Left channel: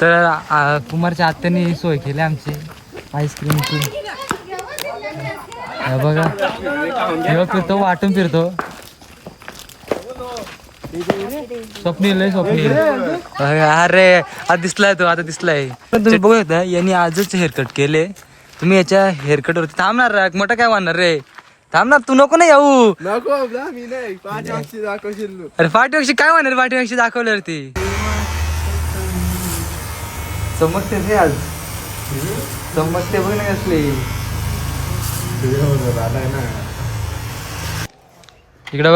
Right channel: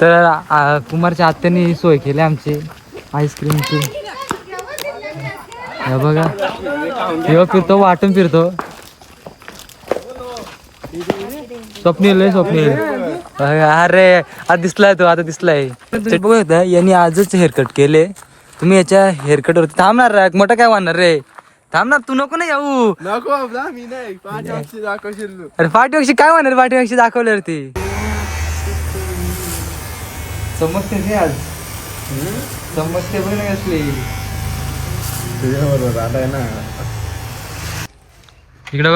तर कुमारच्या आत्याने सोय केली आमची आईस्क्रीमची. हे बघा जेव्हा फिरतो वाटून फिरतो. स्वप्नील आहे स्वप्नील. अरे आता दिसलाय तो, आता दिसलाय. तुम्ही बघू शकता यांनी आजच हेअरकट केले. तुम्ही याच्या हेअरकट वरती थांबणार मोठं काय वाढणार रे. थांबणार तू, नको ना येऊ. अरे पाठीवरची काय म्हणणार, पाठीवरची दाखवल्यावरती समजते हे आज समजते बघ नाही असली. इकडं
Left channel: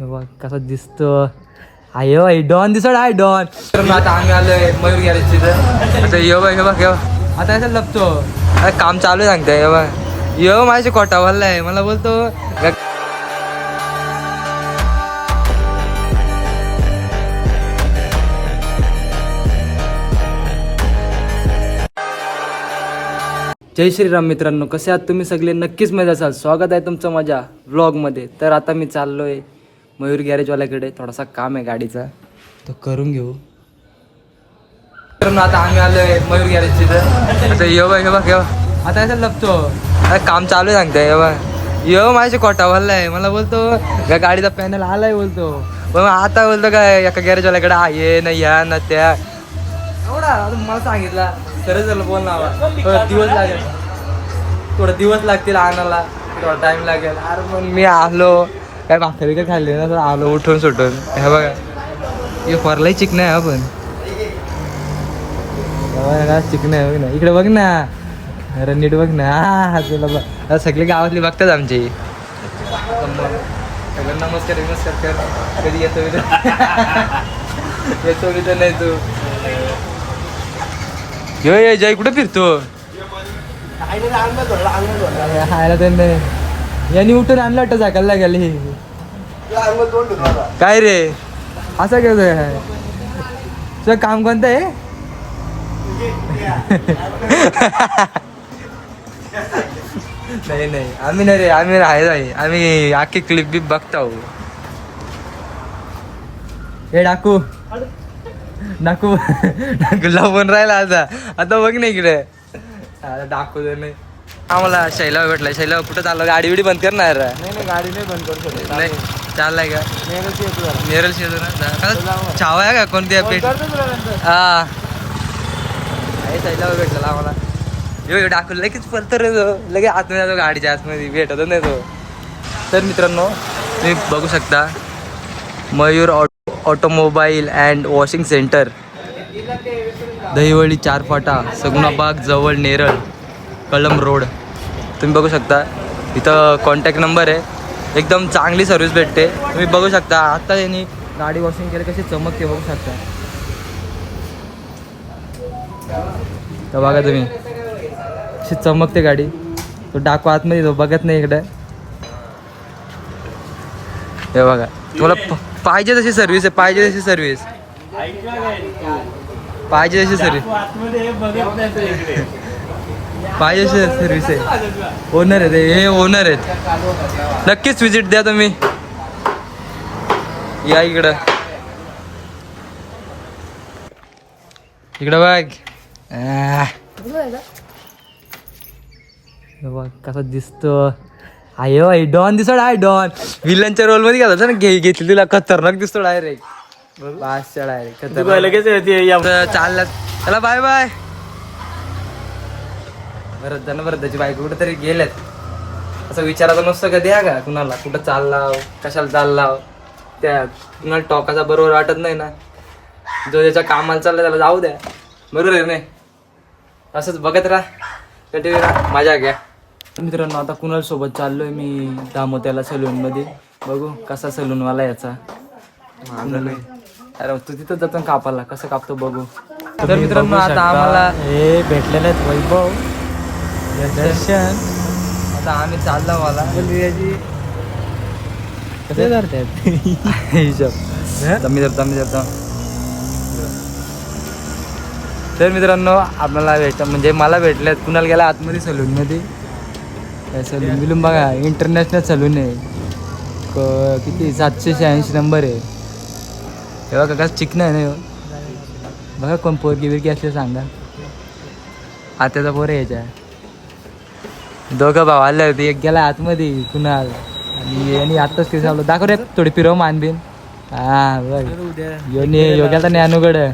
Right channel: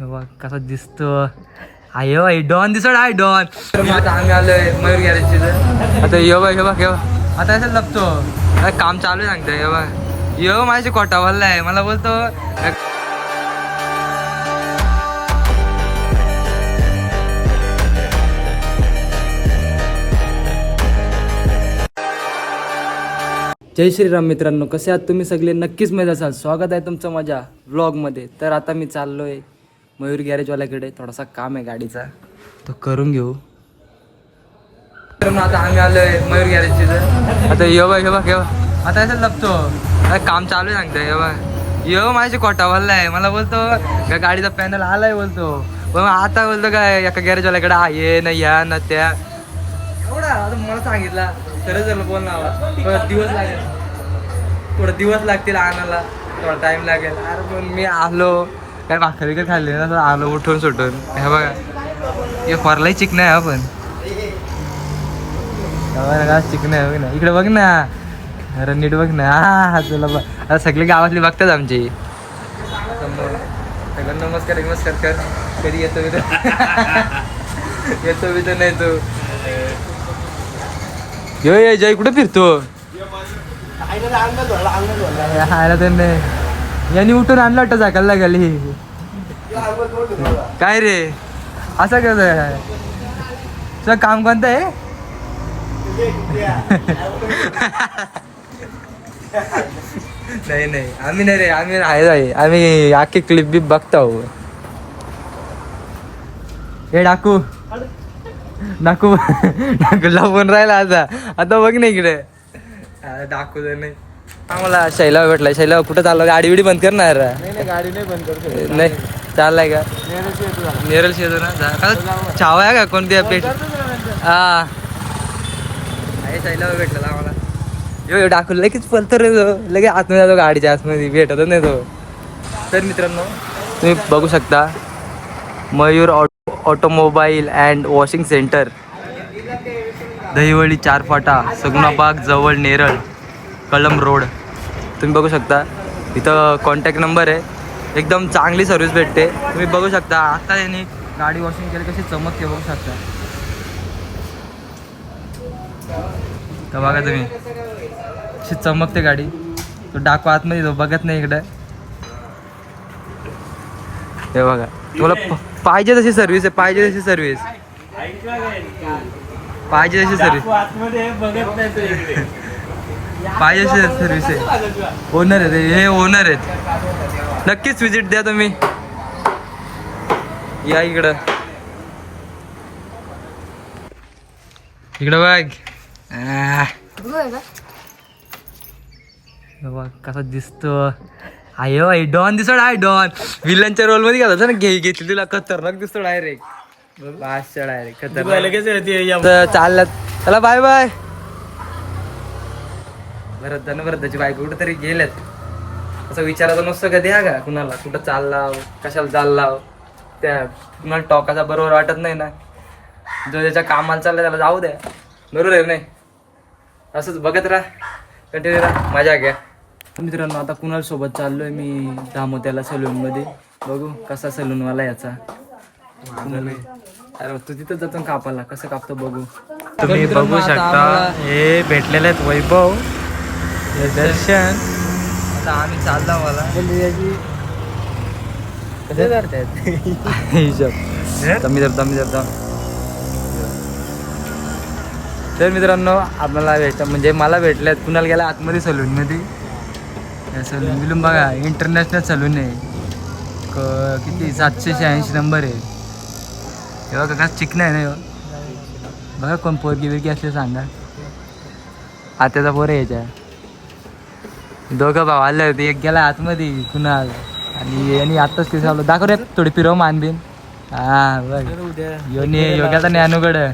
बघ कसा दिसतो. आयो आई डॉन दिसत आहे डॉन. आता आम्ही आलोय मयूर गॅरेज तिथं. आता ये बघ हे बघ आता असं लपतो. अरे काम चालू आहे सांगताय. ये बघ यो माझ्या कोटा भरलाय मला बोलतो. जय श्रीराम मित्रांनो, कसे आहात तुम्ही सगळे. नक्कीच मजा असाल. स्वागत आहे तुमचं माझ्या व्लॉगमध्ये. तर आता मी चाललोय मयूर गॅरेजवाल्याकडे. थोडासा काम आहे गाडीचा, तो करून घेऊ. मित्रांनो आता आम्ही आलोय मयूर गॅरेज तिथं. आता ये बघ हे बघ आता असं लपतो. अरे काम चालू आहे सांगताय. ये बघ यो माझ्या कोटा भरलाय मला बोलतो. गाडीचा पॅनल आलाय बोलतो. पण आता बोलतो काय एका गॅरेजवाल्याकडे आहे ना या ना त्या. एवढा आता मला सांगितलं खरंच झालं बोल ना. दिवस लागेल, थोडं दिवस लागतील आणायला, थोडा टाइम लागेल. अरे पण मी आलो काय भाकरी का खाल्ली ना, आलो उठून सुटून. हे बघा हे फरलाही चिकन आहे. आपण चिकन आहे बघ ना, इकडे बघ ना. अरे नीट बघ ना. हा तुला बघ आता सगळे गावातली बघतात आमची. सगळं नमस्कार नमस्कार कर. कधी येतो मी तर येतो मी तर नाही तू. ये जय कुठे फिरतो. खायला त्यांनी यांनी उठून आणलं वाटतं झाकायला गेली. काय रे असं काय तुझं काम कोणतं आहे. नाही नाही आम्ही नाही रे, आम्ही आहे आम्ही आखी क्लिप बी बघतो. हे डाकू डाकू डाकू लावून राहिला आता बघ नाही इकडे. डाकू नाही आम्हाला शैला भेटलाय. शैला कुठं चाललं. गाडी बिडी बंद करणार. नाही गाडी नाही बंद करू शकत. नाही चाललाय का नेरल येतो ना. छावा आहे का कोणती अपडेट. हा आहे शैला भेटलेला आम्हाला. यो डाकू लगेच पण तर लगेच आतमध्ये जातो गाडीच्या आतमध्ये भेटत नाही तो. तर मित्रांनो तुम्ही बघू शकता Mayur automobile and washing centre, Dahivali 4 फाटा, सगुणाबाग जवळ नेरळ, कळंब रोड. तुम्ही बघू शकता इथं कॉन्टॅक्ट नंबर आहे. एकदम चांगली सर्व्हिस भेटते. तुम्ही बघू शकता आता यांनी गाडी वॉशिंग केली कशी चमकते बघू शकता. तर बघा तुम्ही अशी चमकते गाडी. तो डाकू आतमध्ये तो बघत नाही इकडे. हे बघा तुम्हाला पाहिजे तशी सर्व्हिस आहे. पाहिजे तशी सर्व्हिस पाहिजे तशी सर्व्हिस पाहिजे तशी सर्व्हिस आहे. ओनर आहेत हे ओनर आहेत. नक्कीच विजिट द्या तुम्ही. या इकडं इकडं बघ कसा दिसतो. आयो आई डॉन दिसत आहे डॉन. विलनच्या रोल मध्ये घालायचं ना घेतली तुला. खतरनाक दिसतो डायरेक्ट. डायरेक्ट खतरनाक. चालला चला बाय बाय. भरतची बायको कुठं तरी गेल्यात. असं विचारायचं नसतं कधी हा का कुणाला कुठं चालला कशाला चालला. त्या कुणाला टॉकाचा बरोबर वाटत नाही ना. जो ज्याच्या कामाला चाललं त्याला जाऊ द्या. बरोबर आहे नाही. असंच बघत राहा कंटिन्यू राहा मजा घ्या. मित्रांनो आता कुणाल सोबत चाललोय मी दामोत्याला सलून मध्ये. बघू कसा सलूनवाला याचा. अरे तू तिथं जातो कापाला कसं कापतो बघू. तर मित्रांनो आता आम्हाला हे भेटलेले आहेत वैभव हे दर्शन. आता आम्ही चाललो मला तर मित्रांनो आम्हाला म्हणजे मला भेटल्यात. कुणाला गेला आतमध्ये सलूनमध्ये. सलून बिलून बघा इंटरनॅशनल सलून आहे. किती 786 नंबर आहे. हे बघा का चिकन आहे ना ह्यो. बघा कोण पोरगी बिरगी असले सांगा. आत्याचा पोर आहे याच्या. दोघं भाव आले होते, एक गेला आतमध्ये कुणाल आणि यांनी आत्ताच किती चाललो दाखव रे थोडी फिरव मानबीन. हा बघ योग्याचा ज्ञानूकडं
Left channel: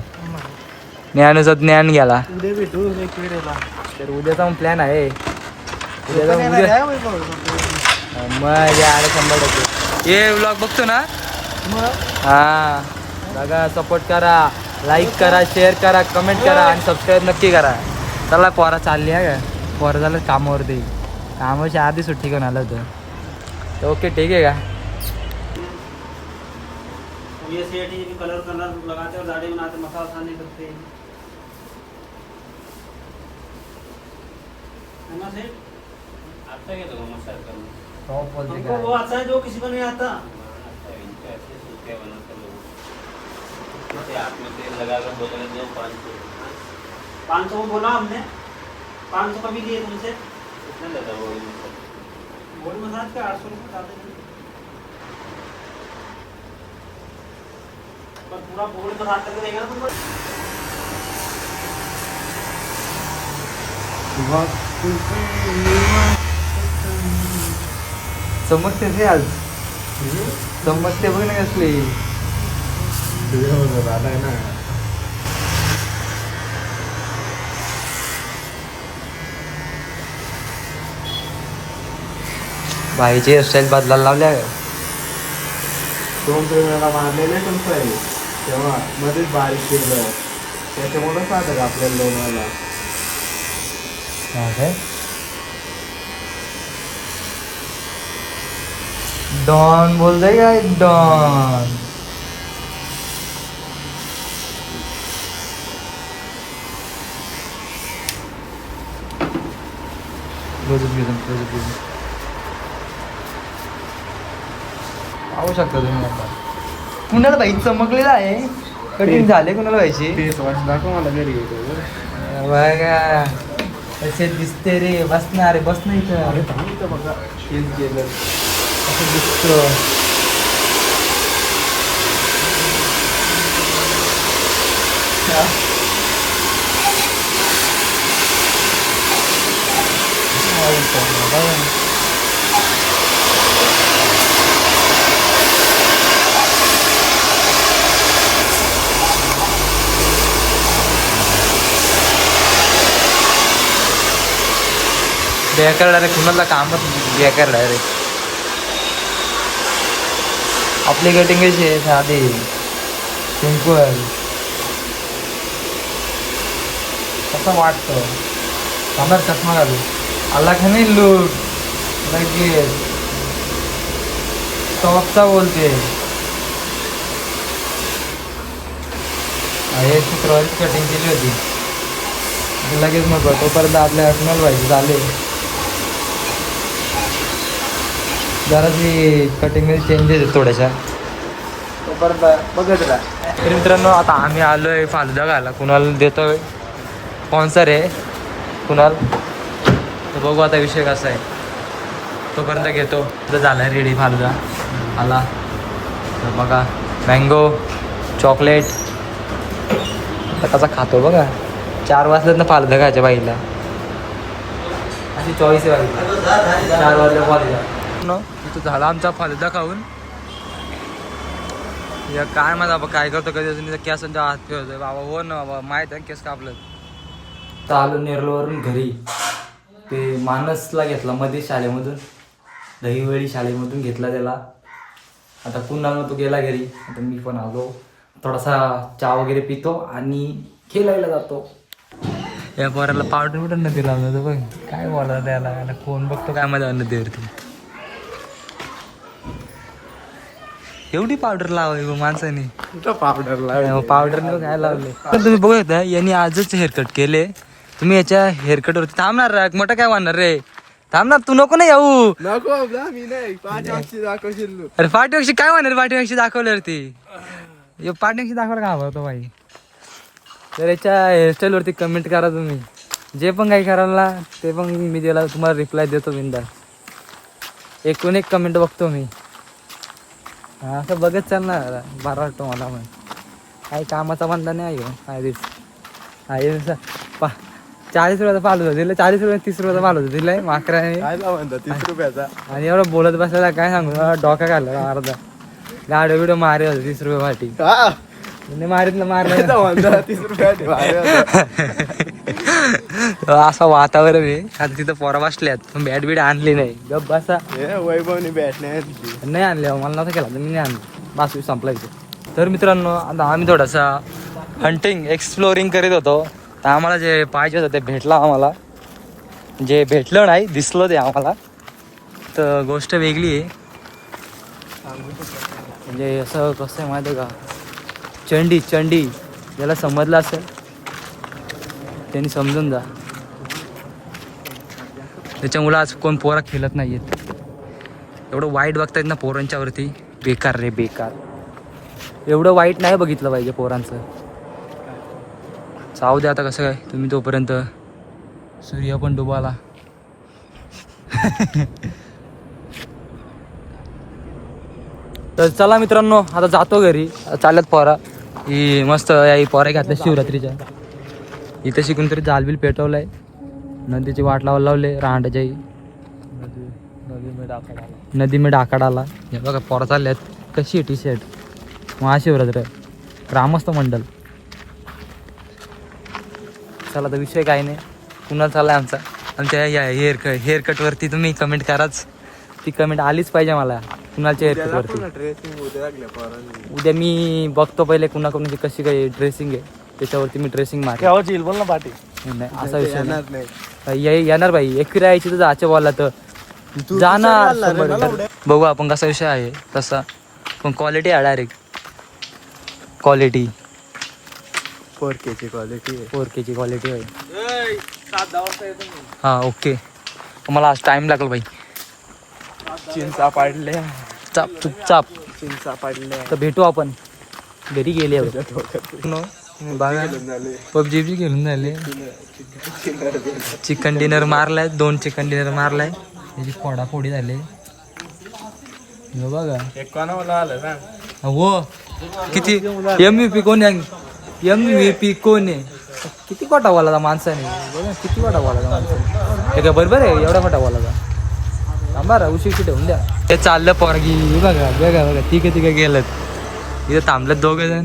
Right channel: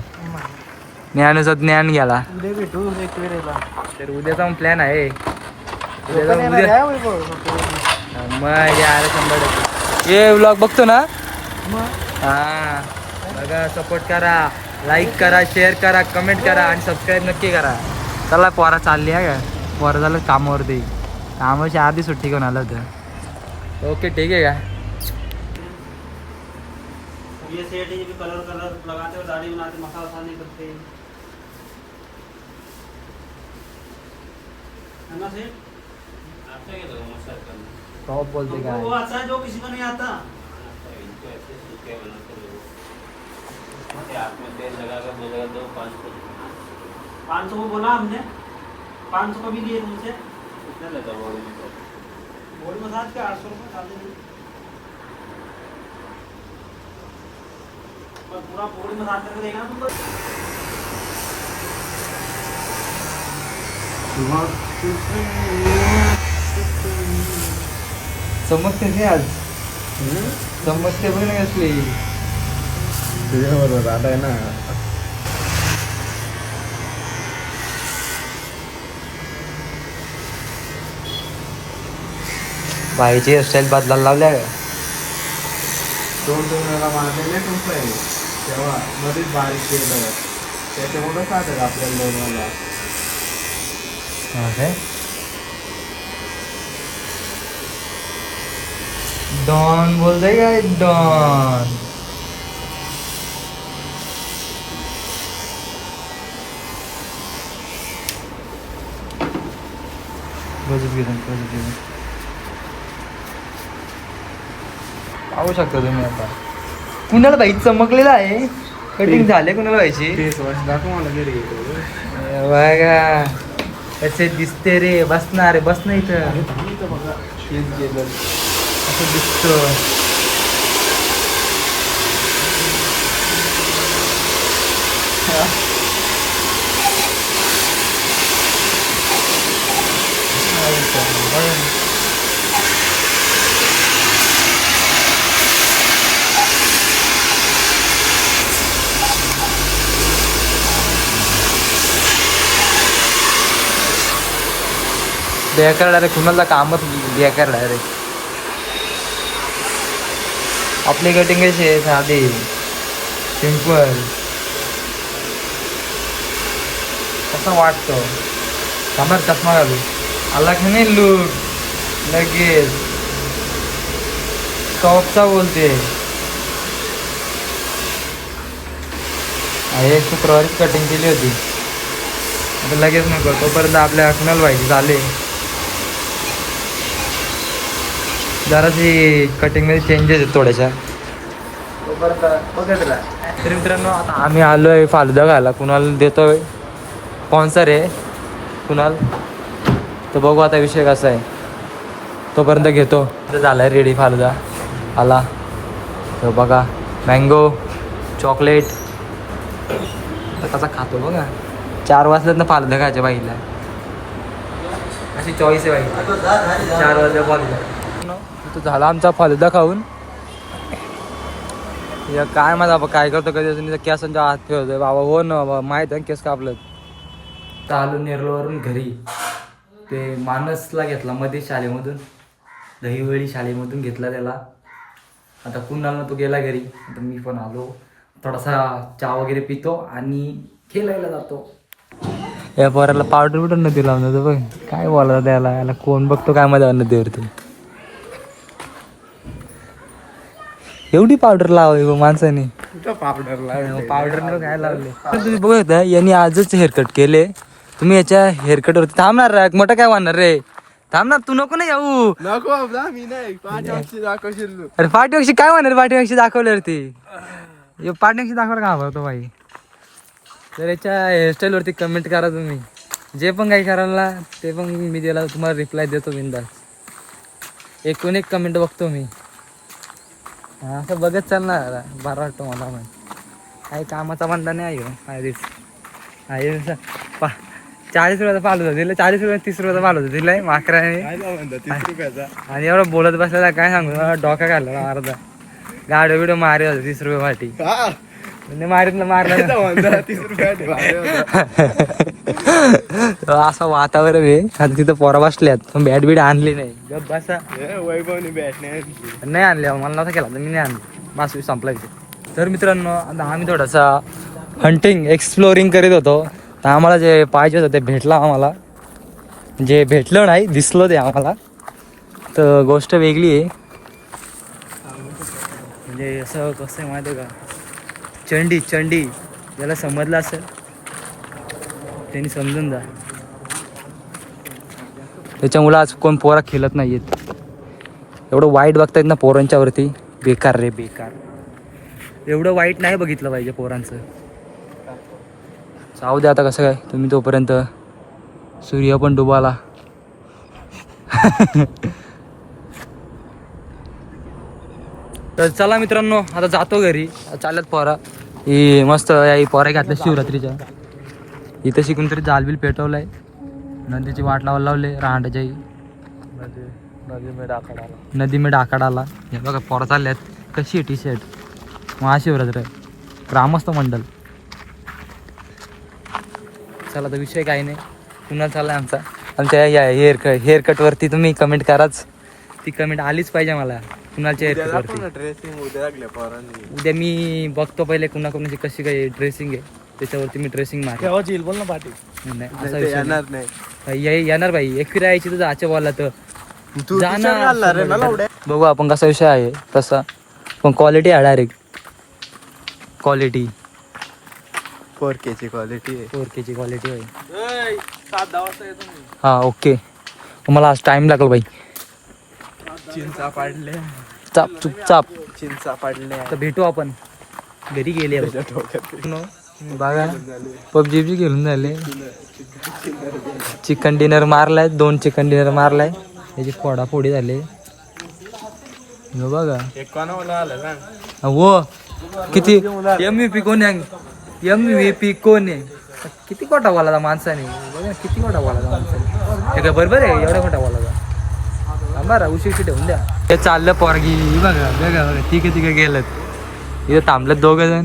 ज्ञानूचा ज्ञान गेला. उद्या भेटू तर उद्याचा मग प्लॅन आहे. उद्या मग यार 100%. हे व्लॉग बघतो ना. हा बघा सपोर्ट करा, लाईक करा, शेअर करा, कमेंट करा आणि सबस्क्राईब नक्की करा. चला पोरा चालली आहे का. पोरा झालं कामावरती. कामाची आधी सुट्टी घेऊन आलं होतं. तर ओके ठीक आहे का. कलर लगाते और दाढ़ी बनाते मसाला खाने करते है ना सही. आता क्या तो मसाला करना टॉप बोलते हमको वो आता है जो किसी को नहीं आता. लगा कर 500 में बोला हमने 500 कभी लिए तुमसे. बॉडी मसाज के 800 रुपये खाते हैं. पर पूरा बॉडी मसाज करके देंगे ना तुमको. समजते हे आज समजते बघ ना कसली तुझ्याबरोबर आता आहे ना. बाईची हेअरस्टाईल बदलायला लावल्या का. 2 वेळा मारलेले तुमचं तेव्हा मध्येच बारीक केलं त्याच्यामुळं साधं आपल्याला 2 वेळा. काय डॉन बोलतोय काय डॉन. पाहू शकता तुम्ही आता कुणाला बाई चमकलेला आहे. कटिंग झाले कुणाला व्हायची दाखव मला घरी बघा कसे दिसते रे. बसणार बस नाही तर बघा तेच गेलं असं दिसतो. बेकार डायरेक्ट कुणाला कामच बेकार डायरेक्ट. आपली कटिंग कशी आहे साधी सिंपल. कसं वाटतं कमर चष्मा घालू आला का नाही लूक लगेच टॉपचा बोलते. हे शुक्रवारीच कटिंग केली होती आता लगेच नको तोपर्यंत आपल्या कुणाला व्हायची झाले. जराशी कटिंगमध्ये चेंजेस आहेत थोड्याशा तोपर्यंत बघत राहा. तर मित्रांनो आता आम्ही आलो आहे फालुदा खायला. कुणाला देतोय स्पॉन्सर आहे कुणाल. तर बघू आता विषय कसा आहे तोपर्यंत घेतो. तर झाला आहे रेडी फालुदा आला. तर बघा मँगो चॉकलेट आता कसा खातो बघा. 4 वाजल्यात ना फालुदा खायच्या बाईला अशी चॉईस आहे बाई. 4 वाजल्या फालुदा. तिथं झाला आमचा फालुदा खाऊन. या काय माझा बाबा काय करतो कधी केसांच्या हात फिरवतोय बाबा. हो ना बाबा माहीत आहे केस कापलं. तर आलो नेरळवरून घरी. ते मानसला घेतला मध्ये शाळेमधून दहीवडी शाळेमधून घेतला त्याला. आता कुणाला तो गेला घरी. आता मी पण आलो थोडासा चहा वगैरे पितो आणि खेळायला जातो. या पोराला पावडर बिवडर नदी लावून जातो बघ. काय बोलावं त्याला याला कोण बघतो काय माझ्या नदीवरती. एवढी पावडर लावावी माणसाने. पावडर न काय लावले तुम्ही बघत यांनी आजच हेअरकट केले. तुम्ही याच्या हेअरकटवरती थांबणार मोठं काय वाढणार रे. थांबणार तू नको ना येऊ. अरे पाठीपेक्षा काय म्हणणार पाठीपेक्षा दाखवल्यावरती पाठीपेक्षा दाखवायला का हवा होतो बाई. तर याच्या हेअरस्टाईलवरती कमेंट करा तुम्ही. जे पण काही करायला ते पण मी त्याला तुम्हाला रिप्लाय देतो बिंदास. 1 कमेंट बघतो मी. असं बघत चालणार बरं वाटतं मला पण. काही कामाचा बंदा नाही आहे आधीच आहे 40 रुपयाचा पालू होता दिलं 40 रुपये 30 रुपयाचा पालू होता दिलाय माकराने काय म्हणता 30 रुपयाचा आणि एवढं बोलत बसलेला काय सांगू डोका घालला अर्धा गाडो बिडो मारे होते 30 रुपये वाटी मारलं म्हणता 30 रुपयाचे असं वातावरण आहे आणि तिथं पोरा बसल्यात पण बॅट बीट आणली नाही गप बसा वैभवने बॅट नाही नाही आणले मला नव्हता केला तर मी नाही आणलं बास संपला इथे. तर मित्रांनो आता आम्ही थोडासा हंटिंग एक्सप्लोरिंग करीत होतो आम्हाला जे पाहिजे होतं ते भेटलं आम्हाला जे भेटलं नाही दिसलं ते आम्हाला. तर गोष्ट वेगळी आहे म्हणजे असं कसं आहे माहिती आहे का चंडी ज्याला समजलं असेल त्यांनी समजून जा. त्याच्यामुळं आज कोण पोरा खेळत नाही आहेत एवढं वाईट बघतायत ना पोरांच्यावरती बेकार रे बेकार एवढं वाईट नाही बघितलं पाहिजे पोरांचं. जाऊ दे आता कसं काय तुम्ही तोपर्यंत सूर्य पण डुबाला. तर चला मित्रांनो आता जातो घरी चालत पोरा ही मस्त ही पोरा घातल्या शिवरात्रीच्या इथं शिकून तरी जालबिल पेटवलाय नदीची वाट लावले रांडाच्या नदी मी डाका डाला हे बघा पोरा चालल्यात कशी आहे टी-शर्ट महाशिवरात्र ग्रामस्थ मंडल. चला तर विषय काही नाही कुणाला चाललाय आमचा आणि त्या हेअरकटवरती तुम्ही कमेंट कराच ती कमेंट आलीच पाहिजे मला कुणालच्या हेअरकटवरती. उद्या मी बघतो पहिले कुणाची कशी काही ड्रेसिंग आहे त्याच्यावरती मी ड्रेसिंग मार नाही असा विषय नाही येणार भाई एक फिरायची तर जायच्या बॉलला तर जाणार बघू आपण कसा विषय आहे तसा पण क्वालिटी आहे डायरेक्ट क्वालिटी 4K ची क्वालिटी आहे. हा ओके तुम्हाला आज टाइम लागतो भाई चिंचा पाडले चाप चुपचाप चिंचा पाडले तर भेटू आपण घरी गेले बघा पबजी खेळून झाले चिकन डिनर मारलाय 2 चिकन डिनर मारलाय त्याची फोडाफोडी झाले बघा हो किती MVP कोण MVP कोण आहे किती खोटा बोलायचा माणसाने बघा किती खोटा बोलायचा माणसाने हे काय बरोबर आहे एवढा खोटा बोलायचा थांबा उशीर ठेवून द्या ते चाललं पोरगी बघा बघा बघा तिघे गेलं इथं थांबलं 2 जण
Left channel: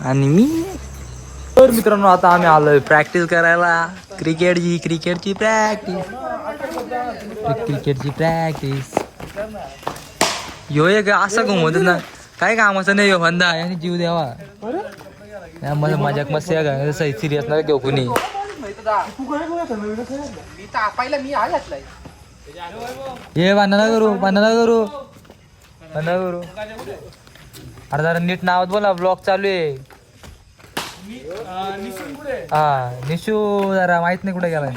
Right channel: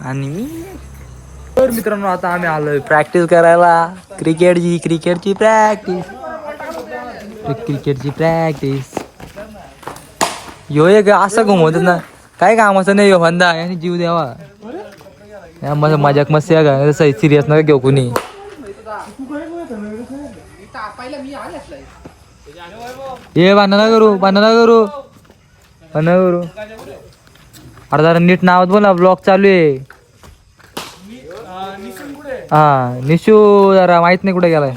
आणि मी. तर मित्रांनो आता आम्ही आलोय प्रॅक्टिस करायला क्रिकेटची प्रॅक्टिस यो एक असं घुमवत ना काय कामाचं नाही वंदा आणि जीव द्यावा माझं मजाक मस्त का सिरियस नका घेऊ कुणी. ये बांधना करू अरे जरा नीट नावात बोला ब्लॉग चालू आहे. हा निशू जरा माहित नाही कुठे गेलाय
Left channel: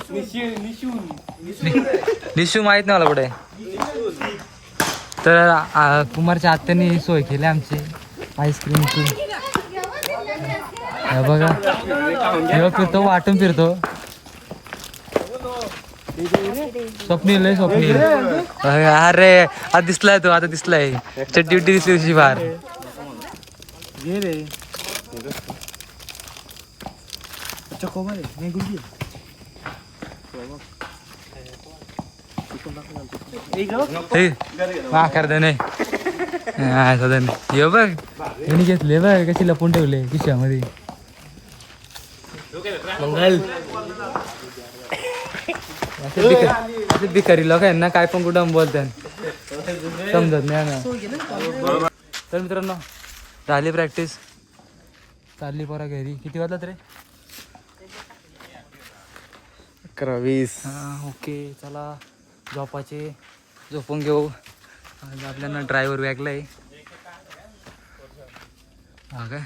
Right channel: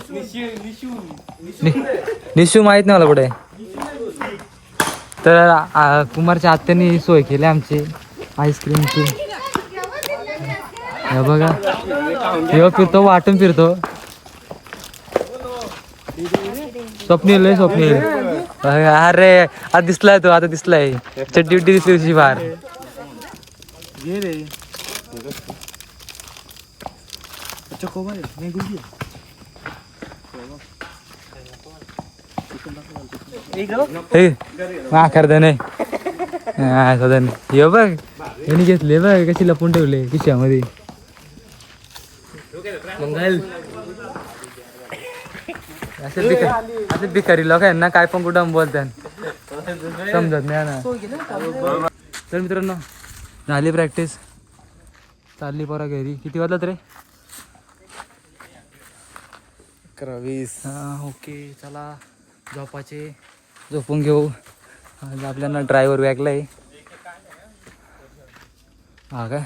निशू माहित नाही मला कुठे. तर कुमारच्या आत्याने सोय केली आमची आईस्क्रीमची हे बघा हे फिरतो वाटून फिरतो स्वप्नील अरे आता दिसलाय तो आता दिसलाय ड्युटी दिसली बाहेर हे बघ यांनी घेतले बघ कशी लपून ठेवले खिशामध्ये मंगल असे भिकारी लोक आहे ना काय पण कुठं बोलतात समजत नाही ना. तर मित्रांनो झाली प्रॅक्टिस चालली पोरा घरी किती वाजलात रे 11:20. हा ओके चला झोपून घेऊ आज आपल्याला ड्रायव्हर वेगलाय हा काय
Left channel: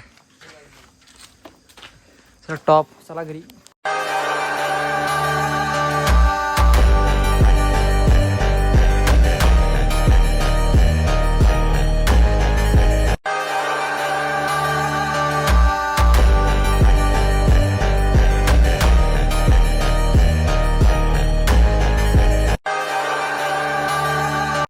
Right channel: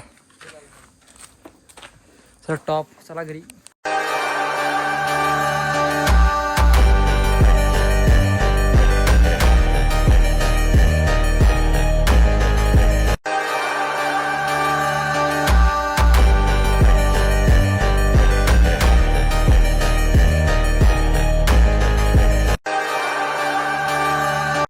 सर टॉप चला घरी.